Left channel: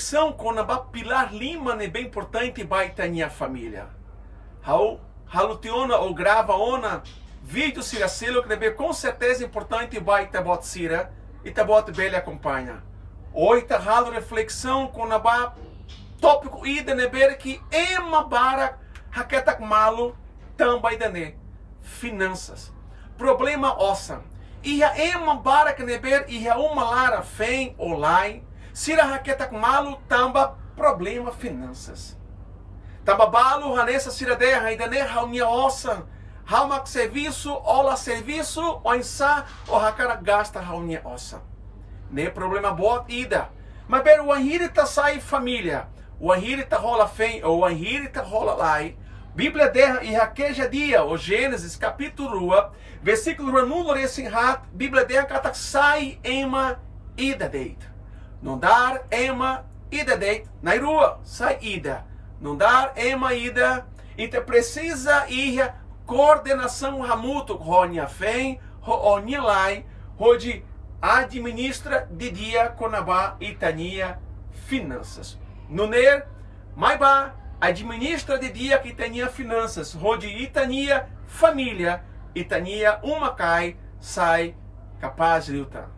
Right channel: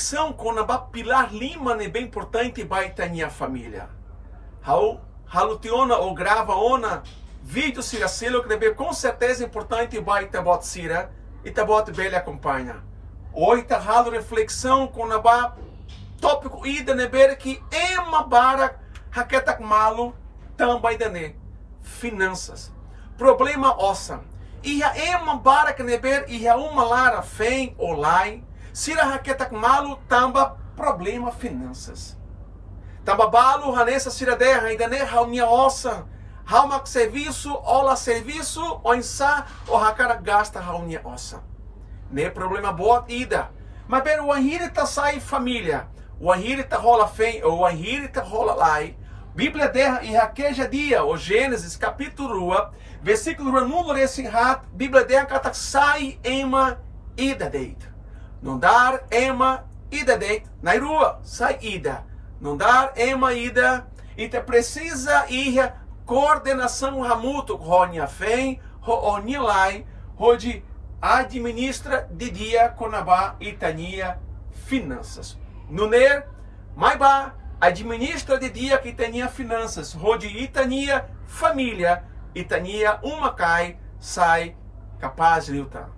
reflexão com a Pilar Lima é bem importante para a família. Halutiona ou grava ona vídeo se acelo que deve com certeza importante para tabot sira e tabot bele acompanha. Hoje tá halo reflexão com a tópico ida neber que ema bara haketak malu também dane finanças. Problema ossa. E a ema bara que neber e a uma lara fem online sira haketak malu tamba problema finanças. Tamba balu hanessa sira derra ainda ne haunia ossa. Haumak serviço, ola serviço, ou insa, ou hakara gasta haunia ossa. Ne problema boa ida. Mas pelo o anhirita sai família. O anhirita rola fem, ou o anhirita rola lai. Bíblia derra e raqueja dia, o Gênesis capítulo 1, versículo número esse hat, Bíblia derra que sai ema ida deit. Não dar ema ida deit, na rua, sai ida. Não dar ema ida, e te precisa ir coordenação ramuto, ronya fem, ronya lai, onde administra de dia conabá itania finanças. Nuner, maiba, administra de dia que tenha finanças, onde itania família, itania uma cai, sai capaz de lutar.